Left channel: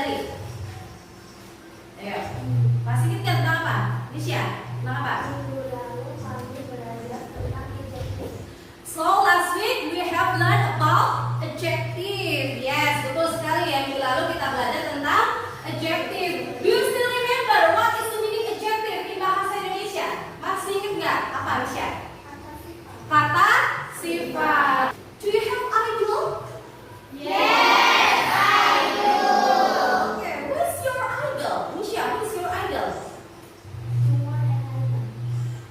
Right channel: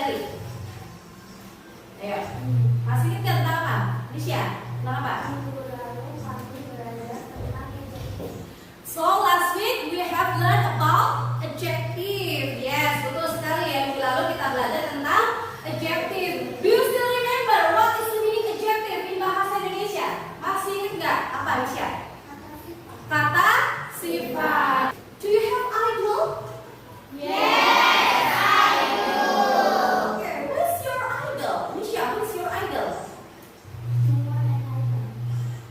pelajari? Ayo, masih ingat kan tentang apa? Nisha, tentang apa? So last week we have learned about adjective. Yes, betul sekali ya. Minggu lalu kita belajar tentang adjective. Do you still remember what is the meaning adjective in bahasa Indonesia? Masih ingat nggak apa, Nisha? Kata sifat. Do you have idol? Yes, I do. Okay, who's your idol? Nisha, who's your idol?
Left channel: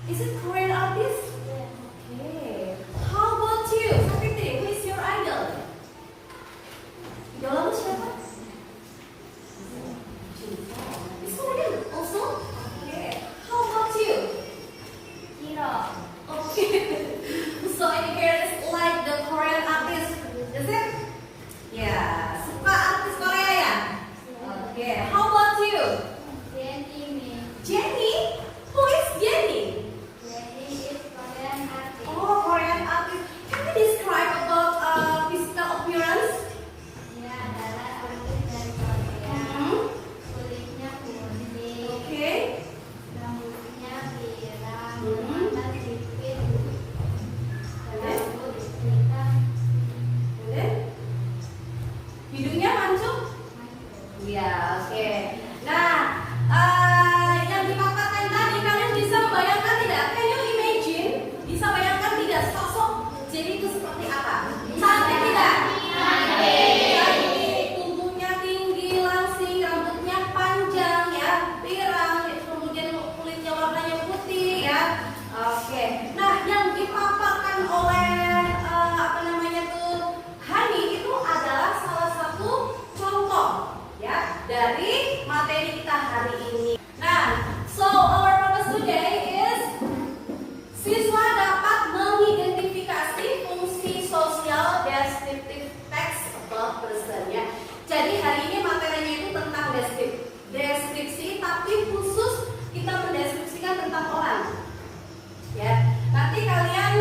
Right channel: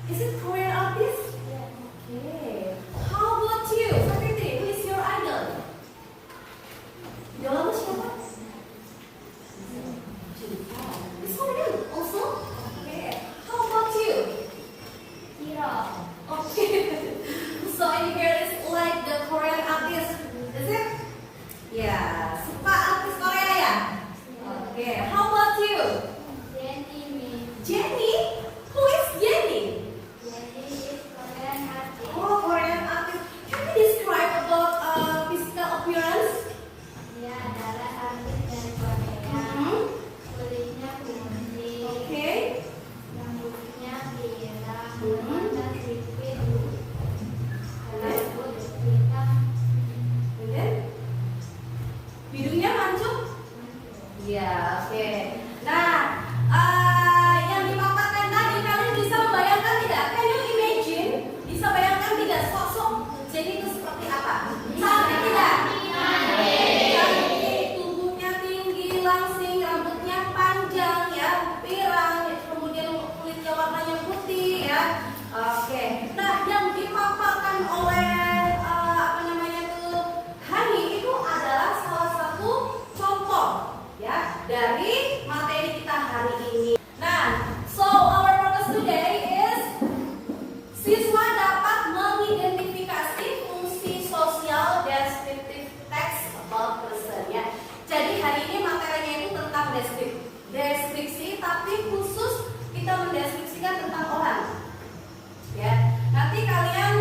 Is it Korean artist? Okay. How about you? Sakiti, who is your idol? Idolamu siapa? It's Korean also? Okay. How about you? Hero. Okay. So any here is like the Korean artist, is it? Yeah. Suka artis Korea ya? Okay. How about you? Jenny. Jenny? Who is Jenny? Jenny is Korean artist. Oh, Korean artist. Can you describe about physical appearance? Dia adalah artis dari Korea. Kulitnya putih, Okay. rambutnya pirang, Mhm. mata sipit, Okay. rambut hitam, And then hidungnya mancung? mancung. Iya, oke. Nah, yang dipaparkan tadi kalian bisa membayangkan tidak? Can you imagine? Bisa bayangkan tidak sosok jadi itu seperti apa? Cantik tidak? Cantik, tubuhnya tinggi, langsing, rambutnya panjang ya, pirang, kemudian kulitnya warnanya putih ya. Oke. Nah, yang dipaparkan oleh apa namanya tuh Hani itu adalah salah satu contoh ya dari materi kita hari ini. Nah, so our purpose today is siswa dapat mengidentifikasi fungsi sosial descriptive text about person ya. Jadi hari ini materinya itu tentang deskripsi, tapi khusus kita mendeskripsikan tentang orang. Ya, nanti kalian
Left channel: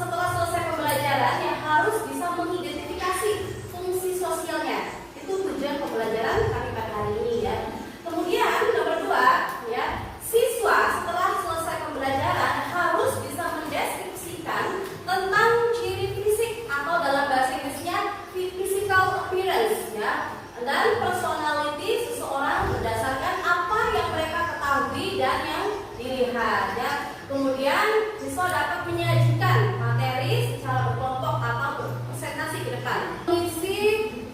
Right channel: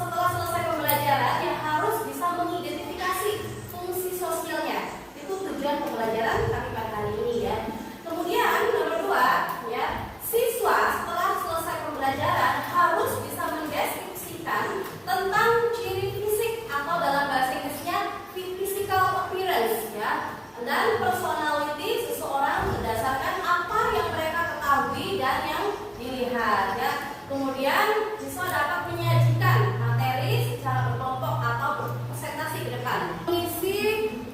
setelah selesai pembelajaran ya harus bisa mengidentifikasi fungsi sosialnya. Itu tujuan pembelajaran kami pada hari ini ya. Kemudian nomor 2 ya, siswa setelah selesai pembelajaran harus bisa mendeskripsikan tentang ciri fisik atau dalam bahasa Inggrisnya physical appearance ya, dan personality seseorang berdasarkan apa yang mereka ketahui dan yang dilihat ya. Kemudian siswa dapat menyajikan materi secara berkelompok atau berpresentasi ke depan. Mengisi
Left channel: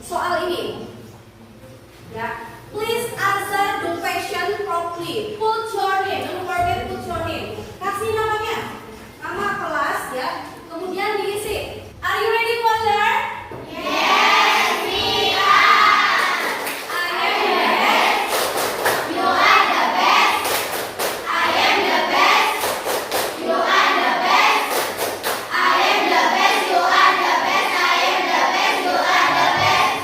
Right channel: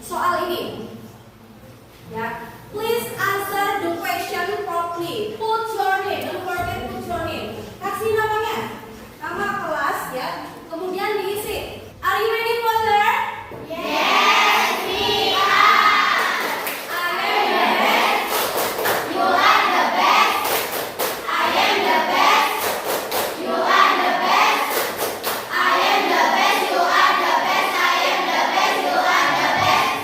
soal ini. Ya, please answer the question properly. Put your name, don't forget put your name. Kasih namanya, nama kelas ya. Kemudian diisi. Are you ready for that? Yes, we are. I am the best. You are the best. I am the best. You are the best. I am the best. You are the best. I am the best. You are the best.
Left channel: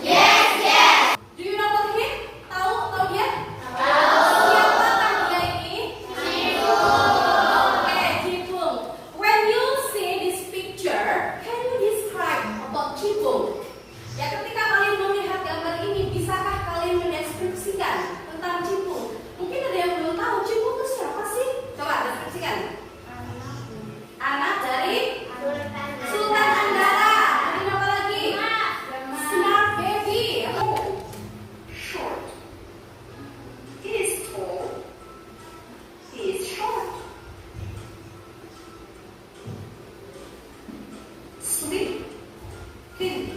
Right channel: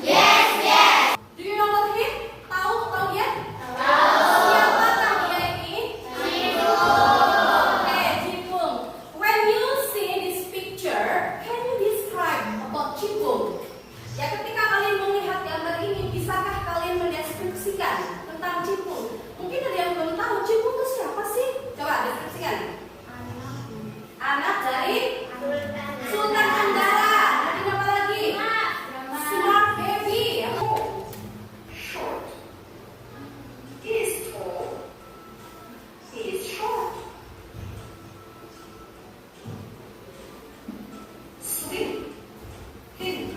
Yes, yes. Do you know what him? Tahu dia? Tahu. Siapakah dia ini? Oke, Cipung. When you see this picture, can you describe about Cipung? Ya, ketika kalian melihat gambar ini, bisakah kalian mendeskripsikan tentang Cipung? Mungkin ada yang belum tahu Cipung itu siapa sih? Coba deskripsikan. Anak dari Sultan Andara. Ada apa lagi? Smart baby. Short. He is tall. He is short. Sweet. Thin.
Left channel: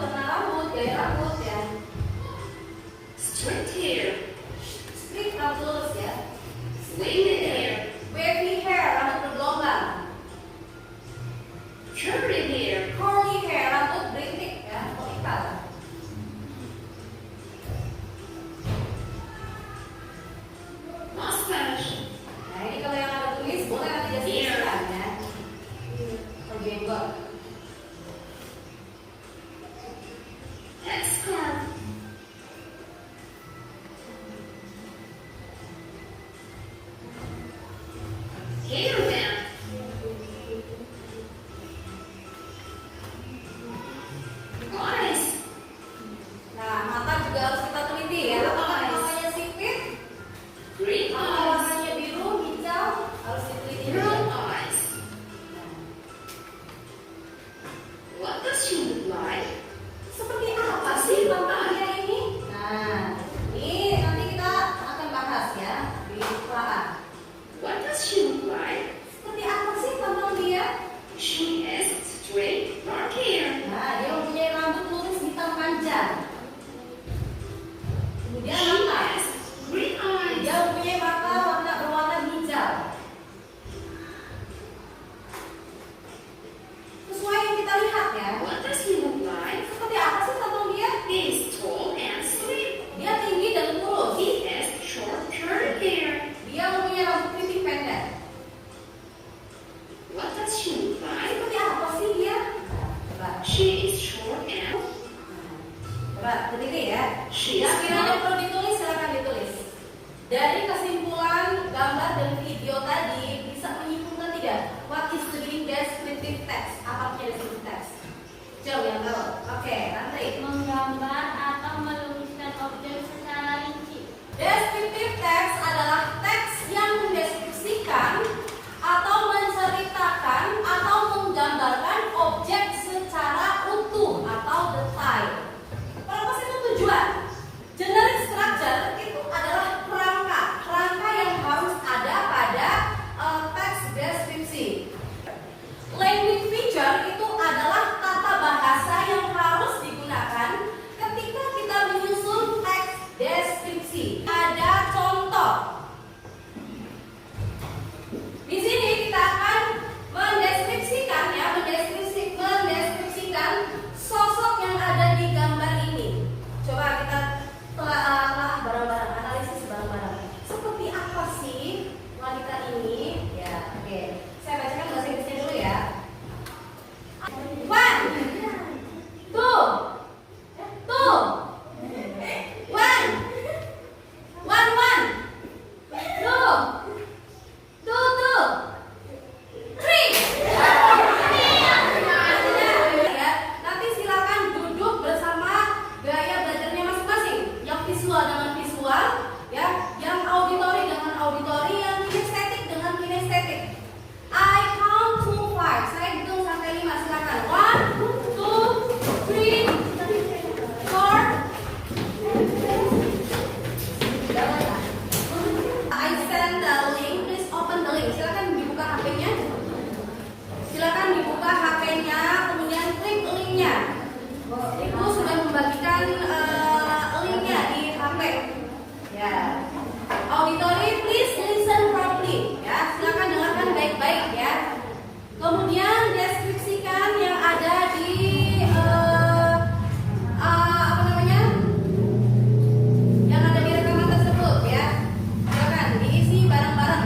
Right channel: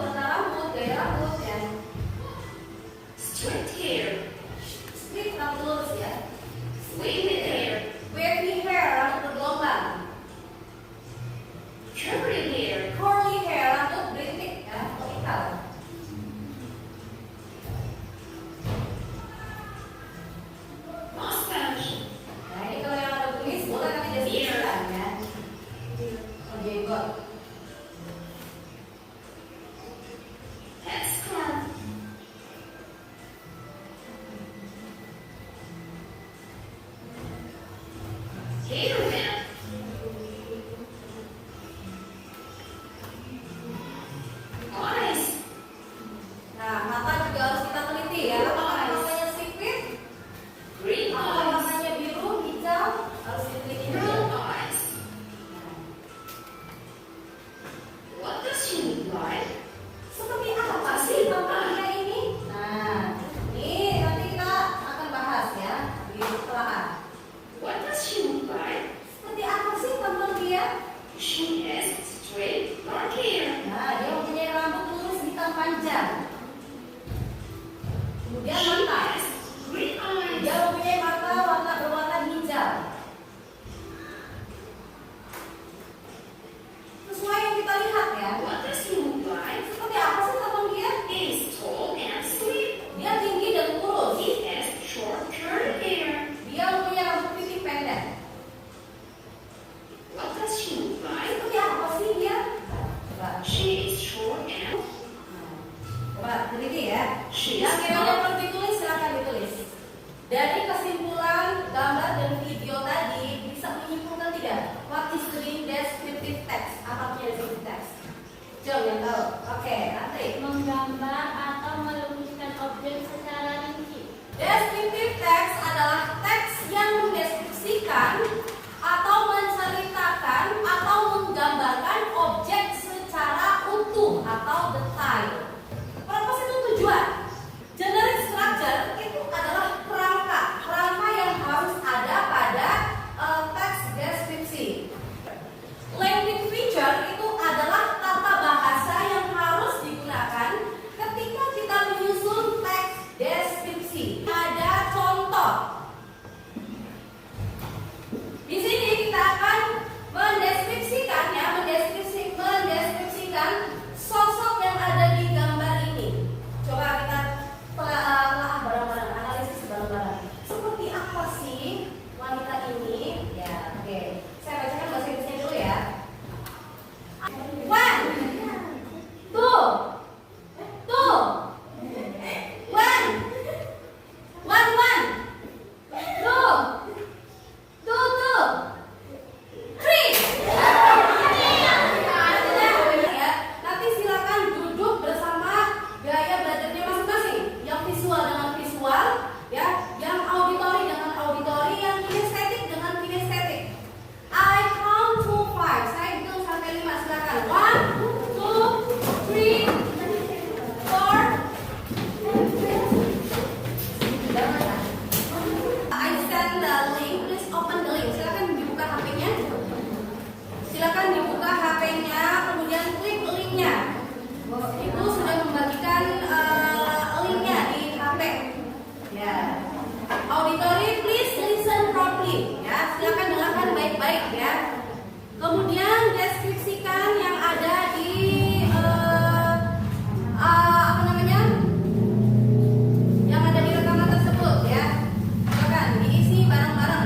warna rambut, gaya rambut ya. Straight hair. Straight rambut lurus ya. Wavy hair. Wavy hair rambut bergelombang. Curly hair. Curly hair rambut berintik ya, vertikal. Mustache. Nah ini kalau yang ada tulis boleh nanti deskripsikan ya. Oh jenggot. Headscarf. Hairband. Eyes. Nah mata juga harus kita teliti ya. Apakah warnanya sipit? Green Apakah eyes. warnanya biru, hijau? Harus diteliti dulu. Brown eyes. What does she look like? Seperti apa sih bapaknya ini? Nah, ini nanti kita akan bahas ya di setelah. What does she look like? Seperti apa sih tampang dia? She has straight dark hair. Nah, dia mempunyai rambut lurus hitam panjang. Kemudian She mata. has green eyes. Dia mempunyai mata warna berwarna hijau. Sesuai yang kita lihat ya. What does he look like? Seperti apa sih tampang dia? He is tall and slim. Dia tinggi dan lurus. He has short curly hair. Dia mempunyai rambut pipih pendek. What does she look like? Seperti apa sih dia? Coba. She is short and Coba teliti ya. she Yang is kiranya not. perlu ditulis silakan ditulis. Dari kesimpulan gambar dan video tadi bisa menyimpulkan tidak? What is doing descriptive text? Apa punya descriptive text? Coba yang tahu. Oke, nanti. Menggambar atau menuliskan objek secara rinci. Descriptive text adalah teks yang mendeskripsikan atau menceritakan atau menggambarkan objek secara utuh atau detail. Purpose itu tujuan. Generic structure itu adalah kerangka yang harus ada pada teks deskripsi. Language feature itu adalah tata bahasa yang harus digunakan ketika kita menyusun teks deskripsi. Ada contoh. Di sini kita akan mendeskripsikan sosok yang ada di gambar ini. Coba kita telah bareng-bareng, analisis bareng-bareng. Seperti apa sih wanita ini? Ya, oke. Saya bacakan bahasa Inggrisnya dulu ya. One, two, two, one, one, two, two, three. Ya, nanti silakan duduk bersama gaya belajarnya masing-masing. Yang visual dengan visual, ya. Yang auditori dengan auditori, yang kinestetik dengan kinestetik. I count to 5. Saya hitung sampai 5. Silakan. 1, 2, 3, 4. I send the link. Please open the link. Silakan dibuka HP-nya. Silakan dibuka HP-nya, kemudian klik linknya. Ibu sudah membagikan linknya di HP. Ya. Auditory, please listen properly. Ya, silakan dengarkan baik-baik ya. Kemudian deskripsikan yang ada di apa namanya? Yang ada di rekaman tersebut ya. Silakan diisi bareng-bareng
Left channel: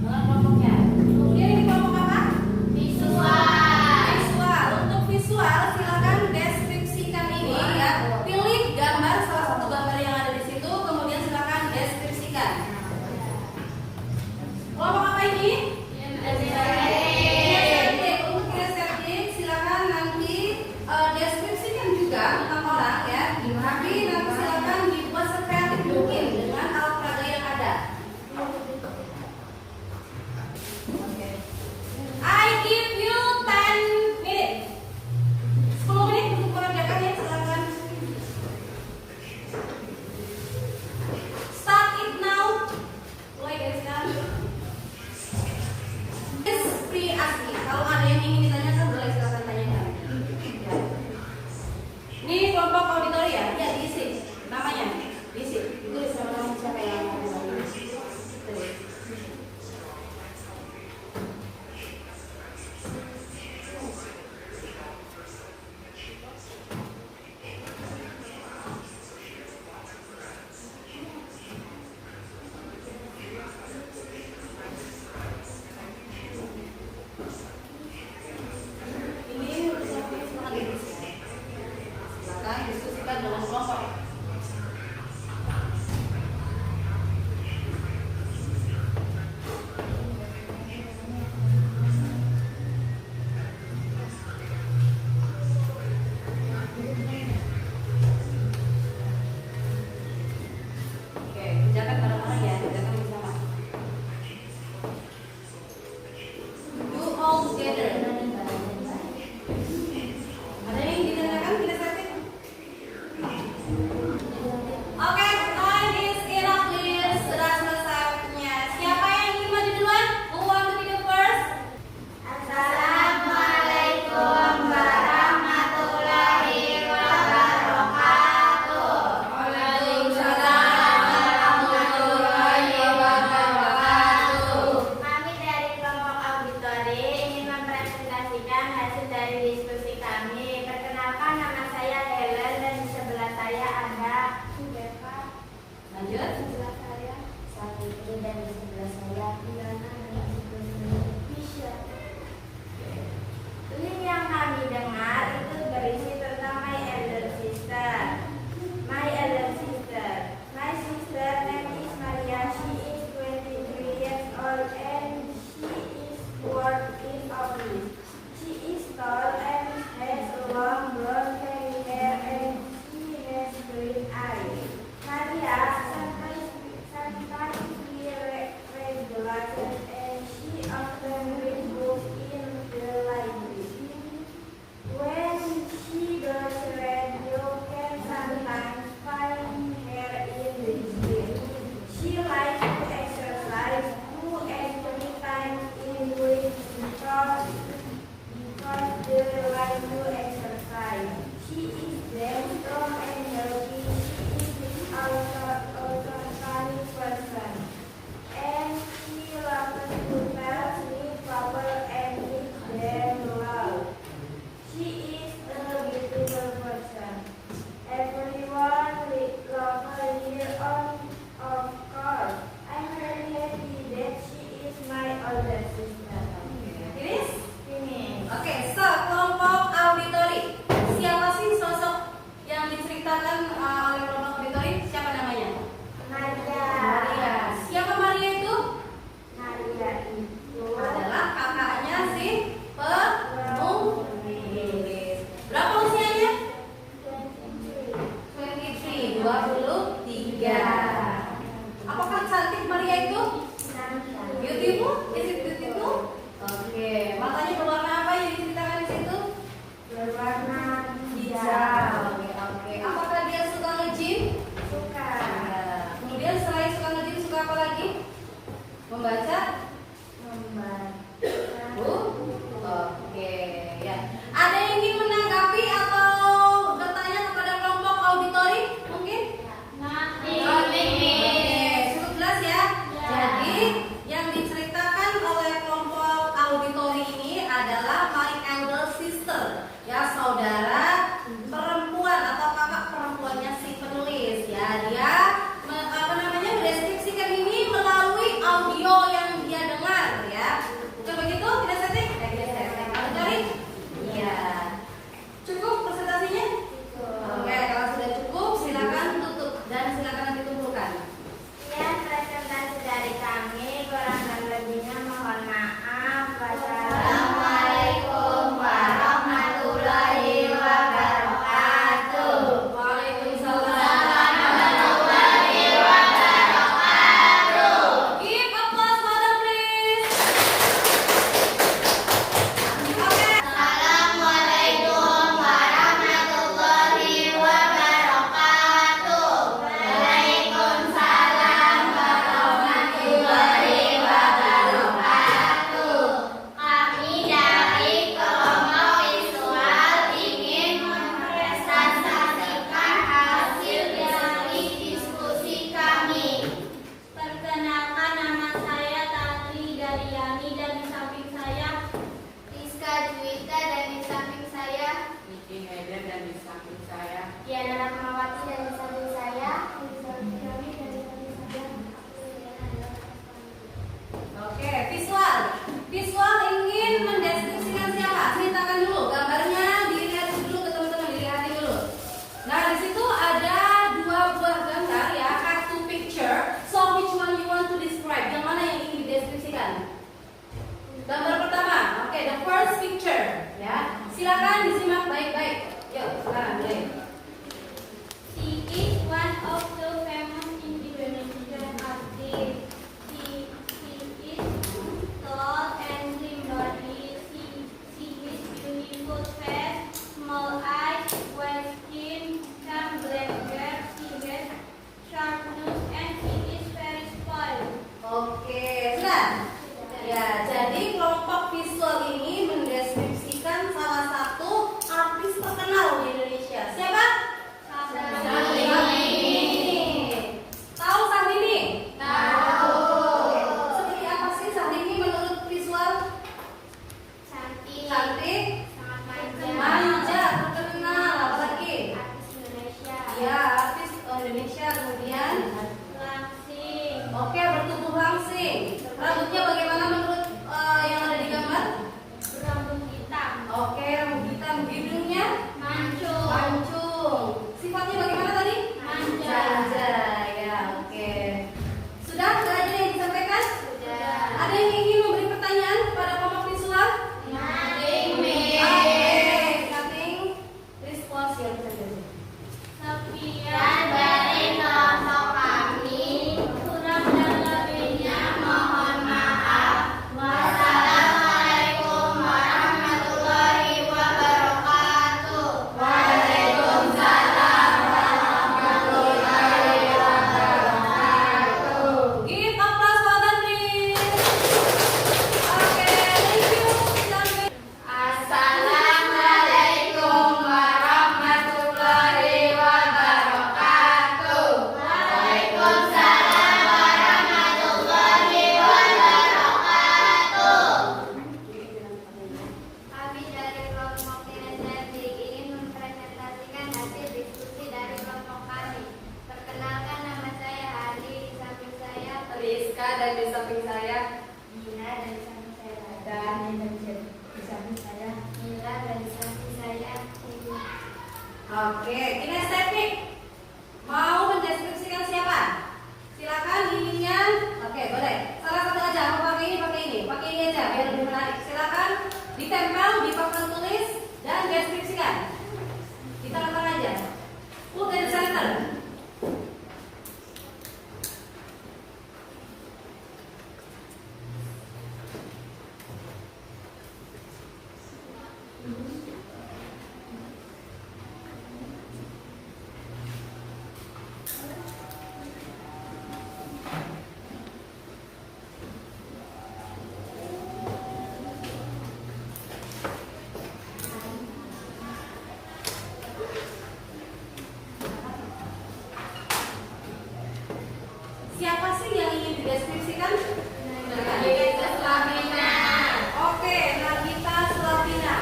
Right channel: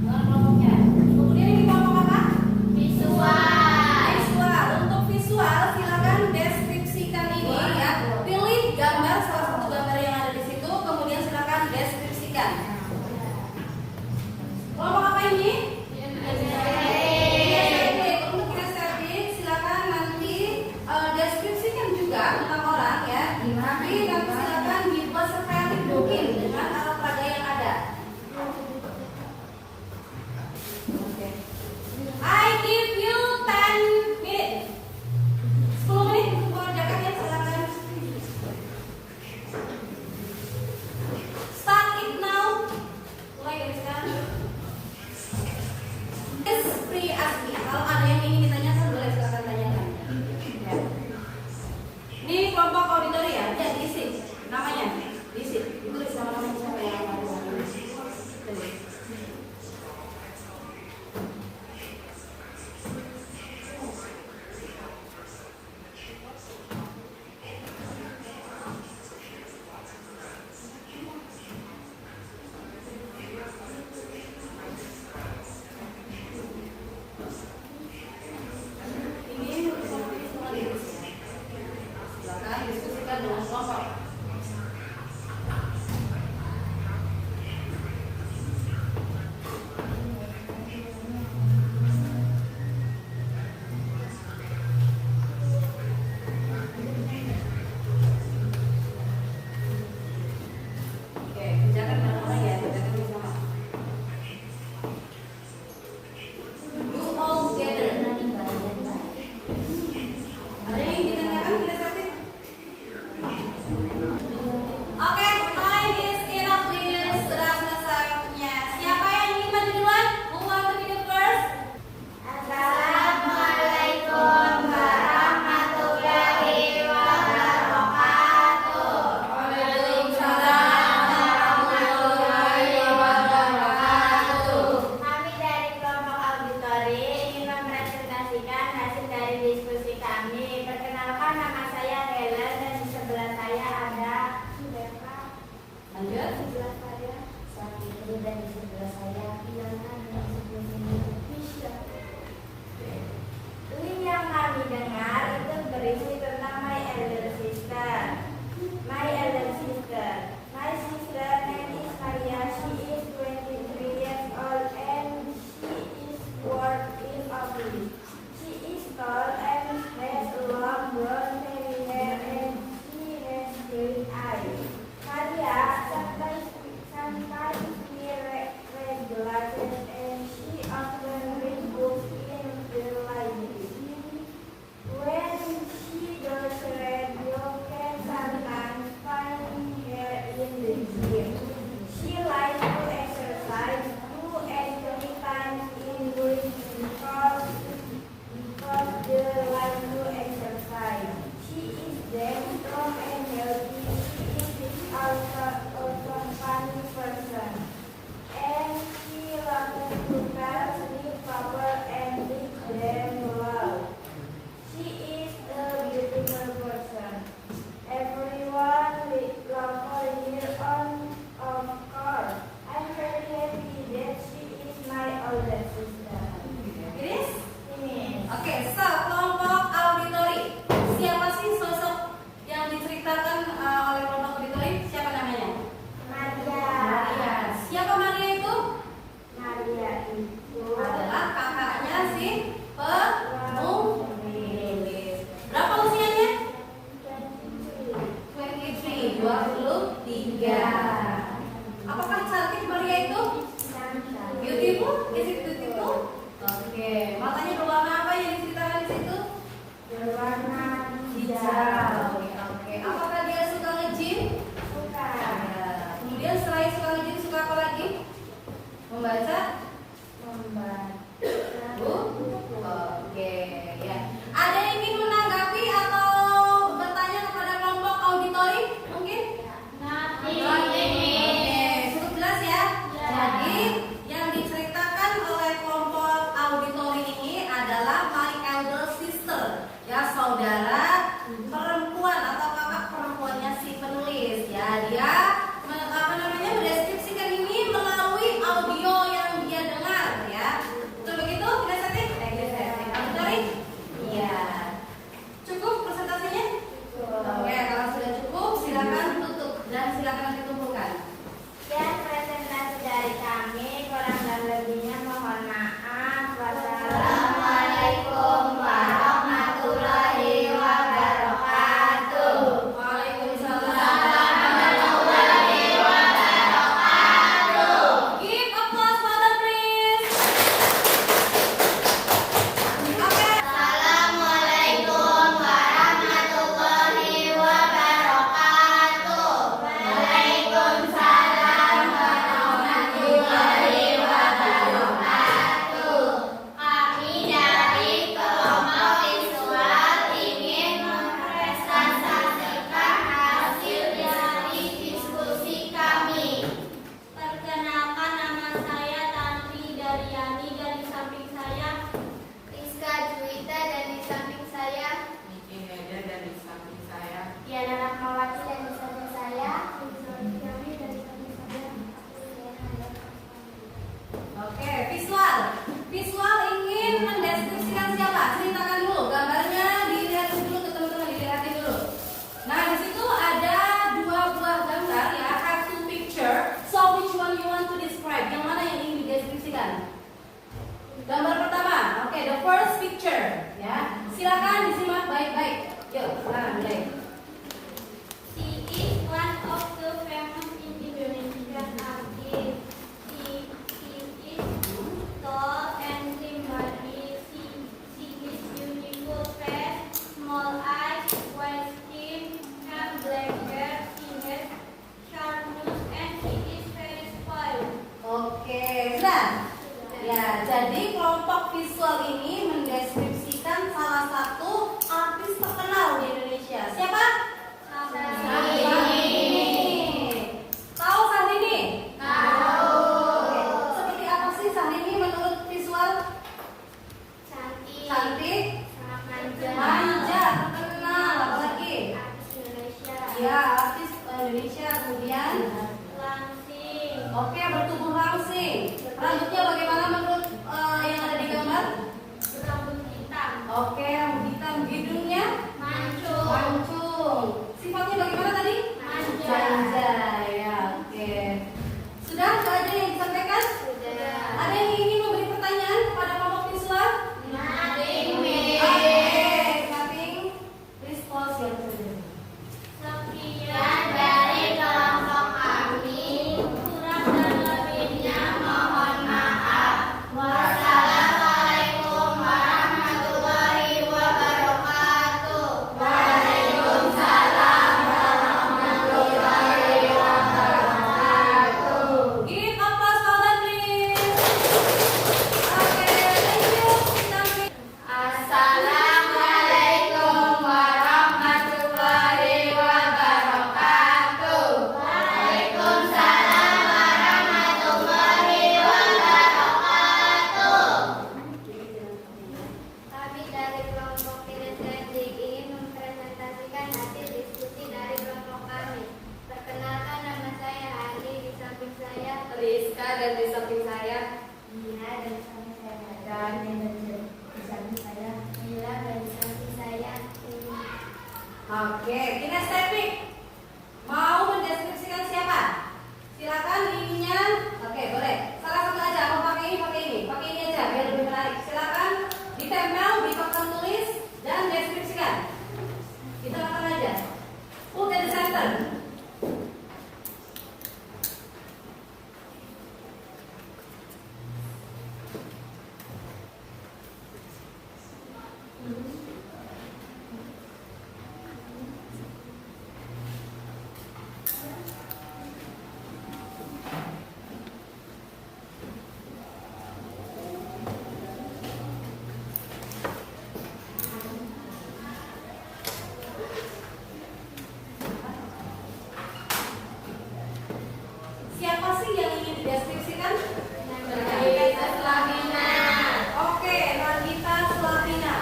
dengan kelompoknya. Kemudian ini kelompok apa? Visual. Untuk visual silakan deskripsikan ini ya. Pilih gambar salah satu gambar yang ada di situ, kemudian silakan deskripsikan. Kelompok apa ini? Untuk kinestetik silakan nanti deskripsikan juga tentang orang ya. Tapi nanti silakan dibuat sependek mungkin dengan alat peraga yang ada. Oke. I give you 10 minutes. 10 menit untuk mengerjakan ya, silakan. Start it now. Mulai dari sekarang. It's free ask me. Kalau ada yang ingin ditanyakan boleh silakan tanyakan. Ya. Namanya diisi, tulis sama nama siapa yang kamu tulis. Tulis. Ini seperti sekali. Silakan diskusikan dengan kelompok. Oke, kerjakan bareng-bareng ya, kerjakan bersama. You all together. Ada yang ditanyakan tidak sakit? Indonesia. Kemudian langsing, oke, bertubuh langsing. Rambutnya bagaimana menurut yang ada di gambar? berambut hitam, Oke, rambut hitam. Hidungnya mancung, mancung. Sifatnya bagaimana tadi? manja, Manja. Ya, oke. Sudah? Itu aja yang disampaikan? sudah, Ada yang ingin memberi pertanyaan kepada kelompok visual? nothing, Oke, nothing. Response yang terjadi. sekian dari kelompok kami, kurang dan lebihnya mohon maaf. Wassalamualaikum warahmatullahi wabarakatuh. Waalaikumsalam warahmatullahi wabarakatuh. Give applause for the team. Oke, thank you. Assalamualaikum warahmatullahi wabarakatuh. Waalaikumsalam warahmatullahi wabarakatuh. Kami dari kelompok kinestetik ingin mempresentasikan hasil diskusi dari kelompok kami. Perkenalkan, nama saya Ali, di samping saya Rizka dan di samping saya. Dina, dan di samping saya Dan di samping saya Mila, dan di samping saya Ini. Oke, kinestetik. Mau mendeskripsikan siapa? Silakan ininya. Oke, boleh. Salah satu aja. Mau pakai ini aja biar lebih menarik. Silakan ditempel di papan tulis dan deskripsikan. Kita lakukan aja. Put in the center. Siapa sih yang ingin dideskripsikan? Nagita Slavina. Oke, Nagita Slavina.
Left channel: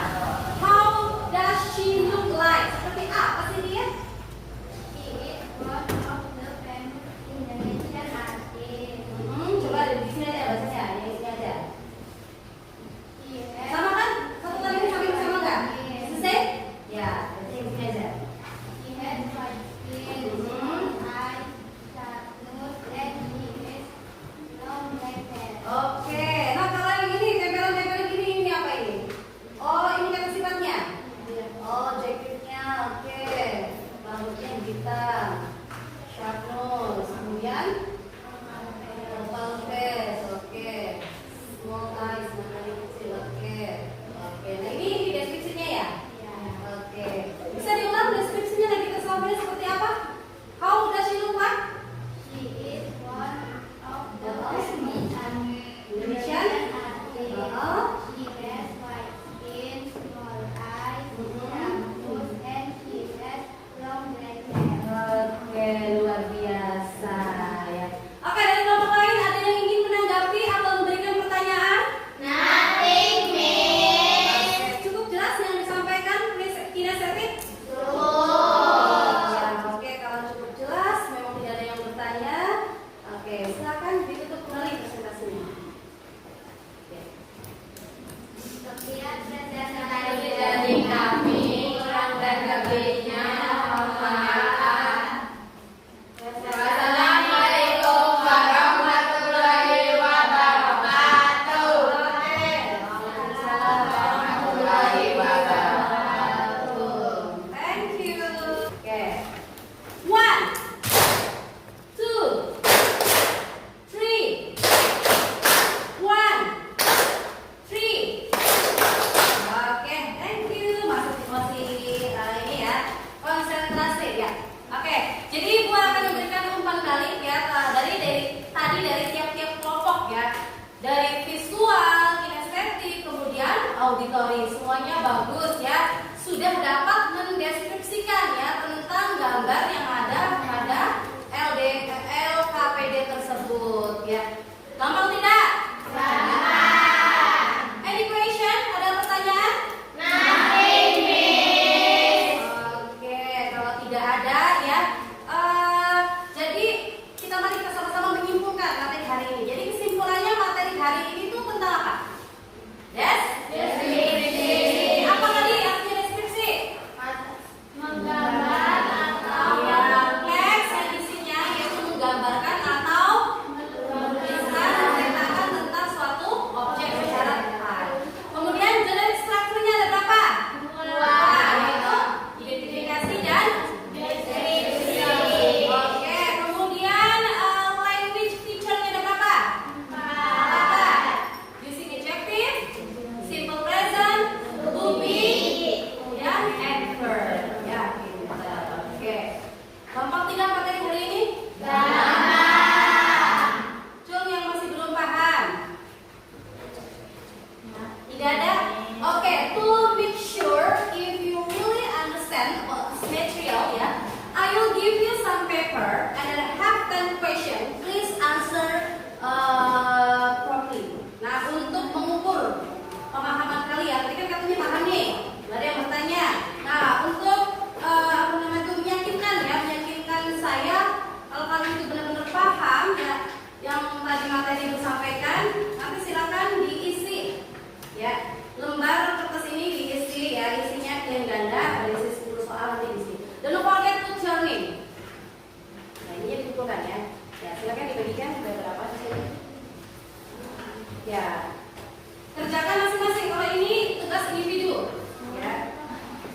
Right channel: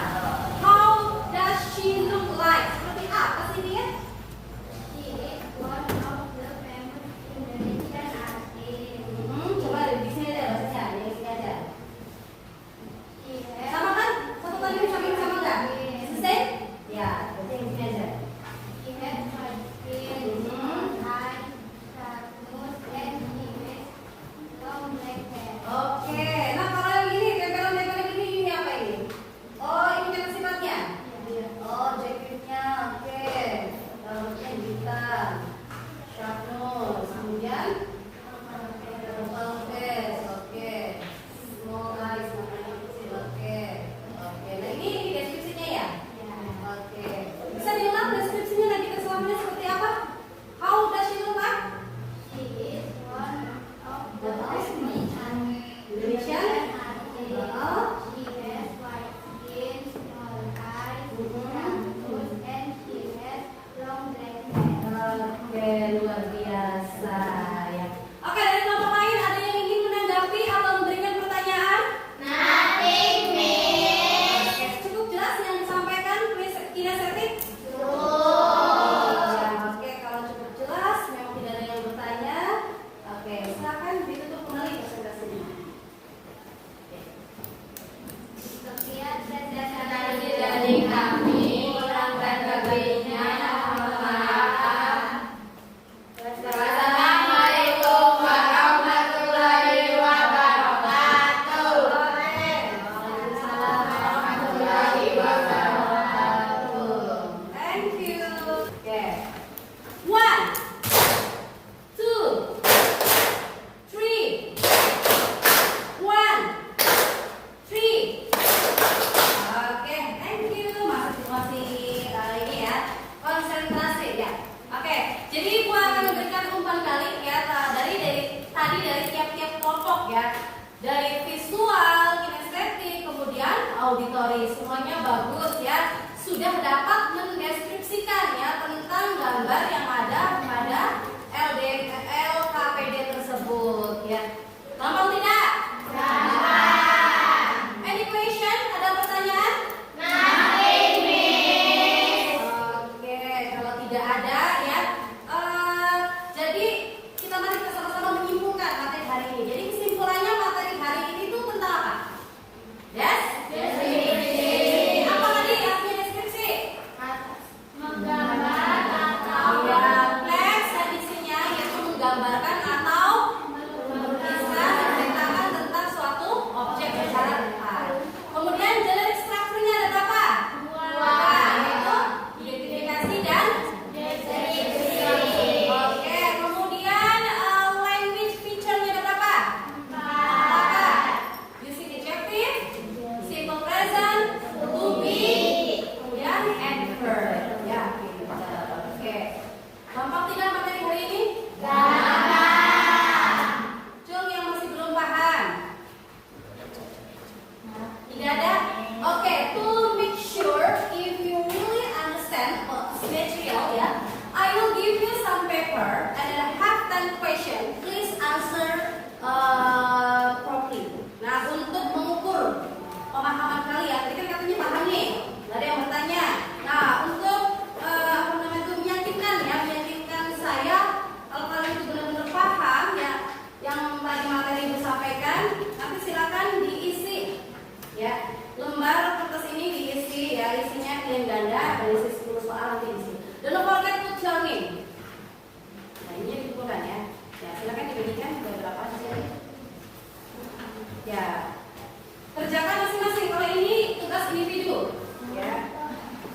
How does she look like? Seperti apa sih dia? She is one of the famous Indonesian artists. Coba di sini ada bahasanya, yang ini aja. She has Sama kan? Satu lagi sama nggak? Is the same? Ya, berarti yang ini aja. She has white skin, small eyes, sharp nose, and she has long black hair. Oke, nah kalau yang ini tempelan-tempelan ini apa ini? Oh, ini kan sifatnya. Oh, jaketnya, oke. Rambutnya hitam, sharp nose, kemudian long face, oke. Small eyes, matanya kecil, oke. Oke, nah ini deskripsinya ya? Oke. Bisa diulang deskripsinya Nagita Slavina seperti apa? How does she look like? She is one of the Indonesian? artists. She has white skin, small eyes, sharp nose, and she has long black hair. Oke, luar biasa ya. Oke, dari kelompok lain ada yang ingin menanggapi atau memberikan pertanyaan? Nothing, Miss. Oke, cukup jelas yang disampaikan kinestetik? Oke, kalau cukup jelas, memang tidak ada yang bertanya. Oke, silakan ditutup kembali presentasinya. Sekian presentasi dari kami, kurang dan lebihnya mohon maaf. Wassalamualaikum warahmatullahi wabarakatuh. Waalaikumsalam warahmatullahi wabarakatuh. Thank you. Oke. 1, 2, 3. 1, 3. Oke, thank you. Masih ini ya. Konsentrasi ya. Oke, jadi gua akan memberikan umpan balik ya dari tiap-tiap kelompok ya. Dari visual, kinestetik, kemudian auditori, semuanya bagus ya. Sudah dapat mendeskripsikan ya tentang gambar yang ada pada LKPD tersebut ya. Gampang tidak? Any question? Ada pertanyaan? Nothing, Miss. Oke, kalau tidak ada ya, Oke. Gampang tidak materi hari ini? Cung yang masih belum paham? Tidak ada? Oke, to make sure if you really understand about this material ya, I will give you some paper and then I have 10 question. Please answer properly. Nah, untuk mengukur pemahaman kalian, tadi kan katanya paham nih, nggak ada yang bertanya. Nah, untuk meyakinkan saya kalau kalian itu benar-benar paham ya yang tadi materi disampaikan, nanti silakan diisi ya. Lembar kertas ini diisi ya, isinya clean ganda, berisi 10 soal nanti diisi. Don't forget to turn in. Nah, ini dikumpulkan ya. Ya, silakan dibagikan beberapa saja. Ya. Kerjakan masing-masing. Kalau ini tugas individu ya.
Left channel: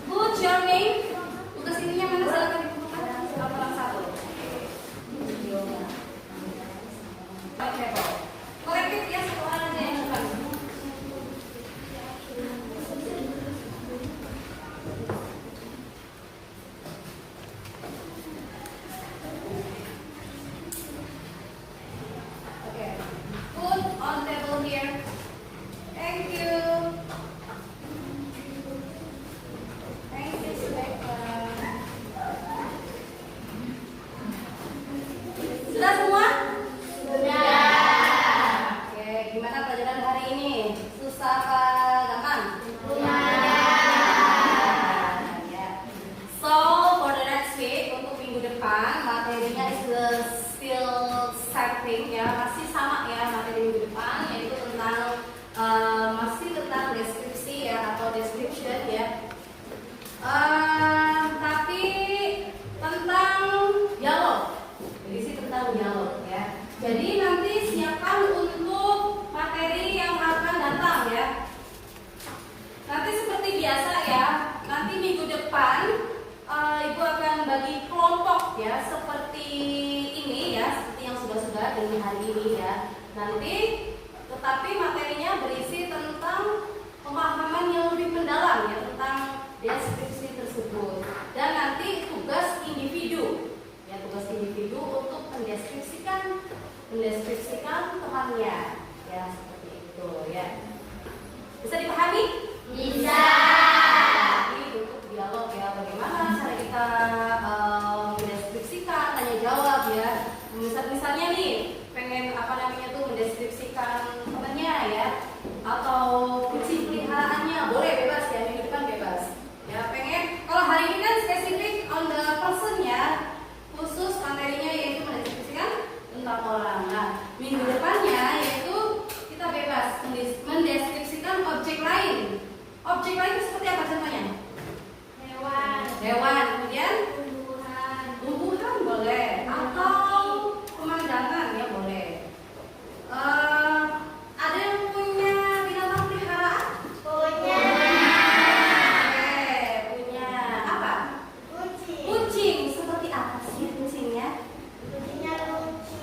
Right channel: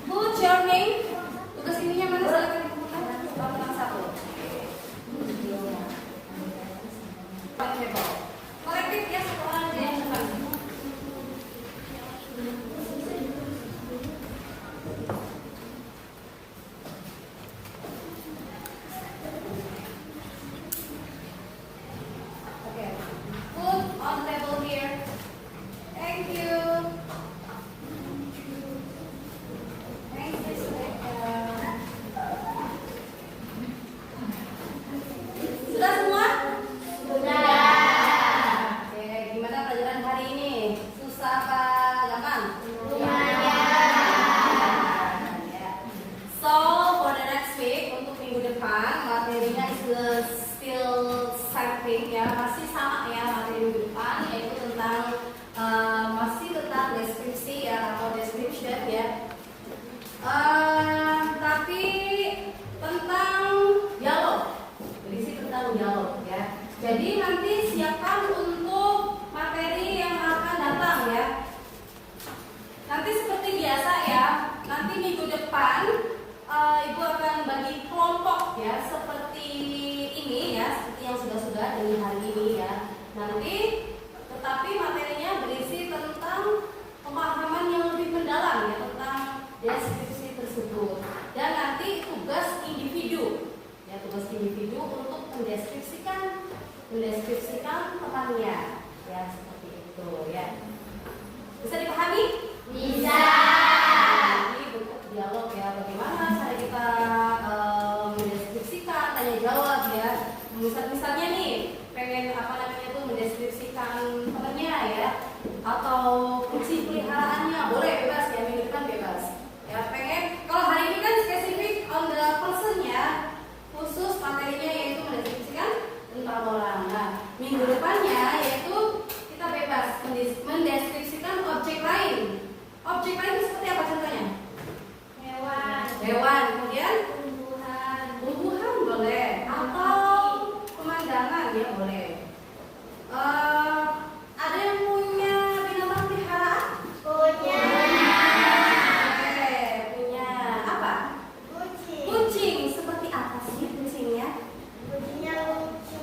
Put your name. Tugas ininya mana silakan dikumpulkan satu. Korektif ya, satu orang aja yang depan. Okay. Put on table here. Thank you. Thank you, Stefan. Sudah semua? Oke, gimana pelajaran hari ini? Susah apa gampang? Ya. So, for the next week, untuk minggu depan, materinya is still starting ya, masih sama ya materi minggu depan, yaitu tentang masih tentang deskripsi ya atau description ya. Tapi tentang dialog, berisi tentang dialog ya. Jadi nanti siapkan untuk materi yang akan datang ya. Nanti seperti biasa ya, nanti minggu depan Ibu akan bagi kelompok ya, seperti ini ya, seperti yang sudah-sudah dari hari ini ya. Nanti tetapi materinya berisi tentang pemahaman yang lebih mendalam ya tentang deskripsi tersebut. Dan nanti tugas individu ya, tugas individu untuk mendeskripsikan temannya ya, seperti itu ya. Bisa dipahami? Bisa. Ini bentuk dialog ya, bagaimana cara kita mendeskripsikan, tanya jawab ya. Misalnya nih pengen mendeskripsikan temannya ya, atau kucing peliharaannya, boleh bebas ya, minggu depan bebas ya. Pengen kalau hari ini kan spesifik on the person ya, khusus materinya yaitu mendeskripsikan tentang orang. Nah, minggu depannya yaitu kita bebas mendeskripsikan objek lain. Objek lain itu seperti apa contohnya? Hewan, kemudian tumbuhan boleh, atau pemandangan ya boleh. Ada yang punya binatang peliharaan? Punya. Punya apa? Kucing. Kucing. Seperti apa sih kucingnya? Kucingnya lucu,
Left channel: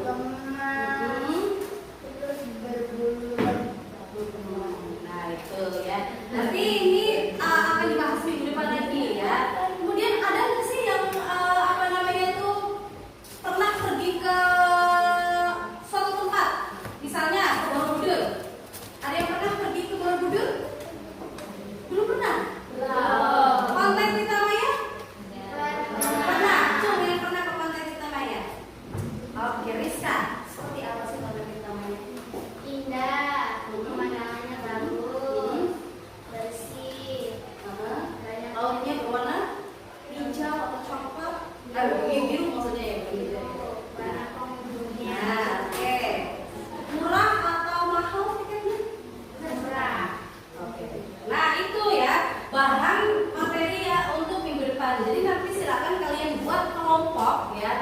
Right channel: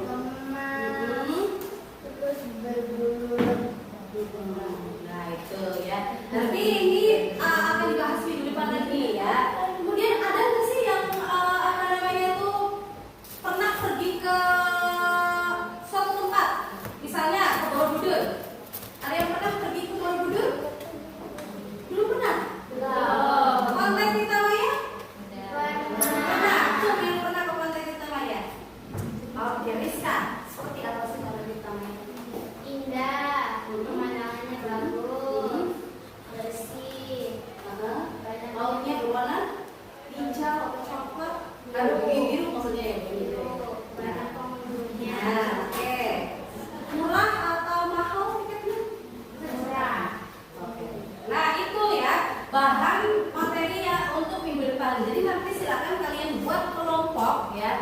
gemas, terus berbulu. Nah itu ya. Nanti ini akan dibahas minggu depan lagi ya. Kemudian ada nggak sih yang pernah pergi ke suatu tempat, misalnya ke Borobudur? Ada yang pernah pergi ke Borobudur? Belum pernah? Pantai Titamaya? Pernah. Cuma yang pernah ke Pantai Titamaya? Oke, Rizka, seperti apa sih Pantai Titamaya? Indah, pemandangannya bagus, bersih, banyak Lautnya berwarna hijau atau coklat? Biru maksudnya ya, begitu. banyak pengunjungnya. Nah, oke. Murah atau mahal tiketnya? Murah. Oke. Nah, itu ya bahan materi ya untuk minggu depan. Jadi nanti silakan kalian buat kelompok ya.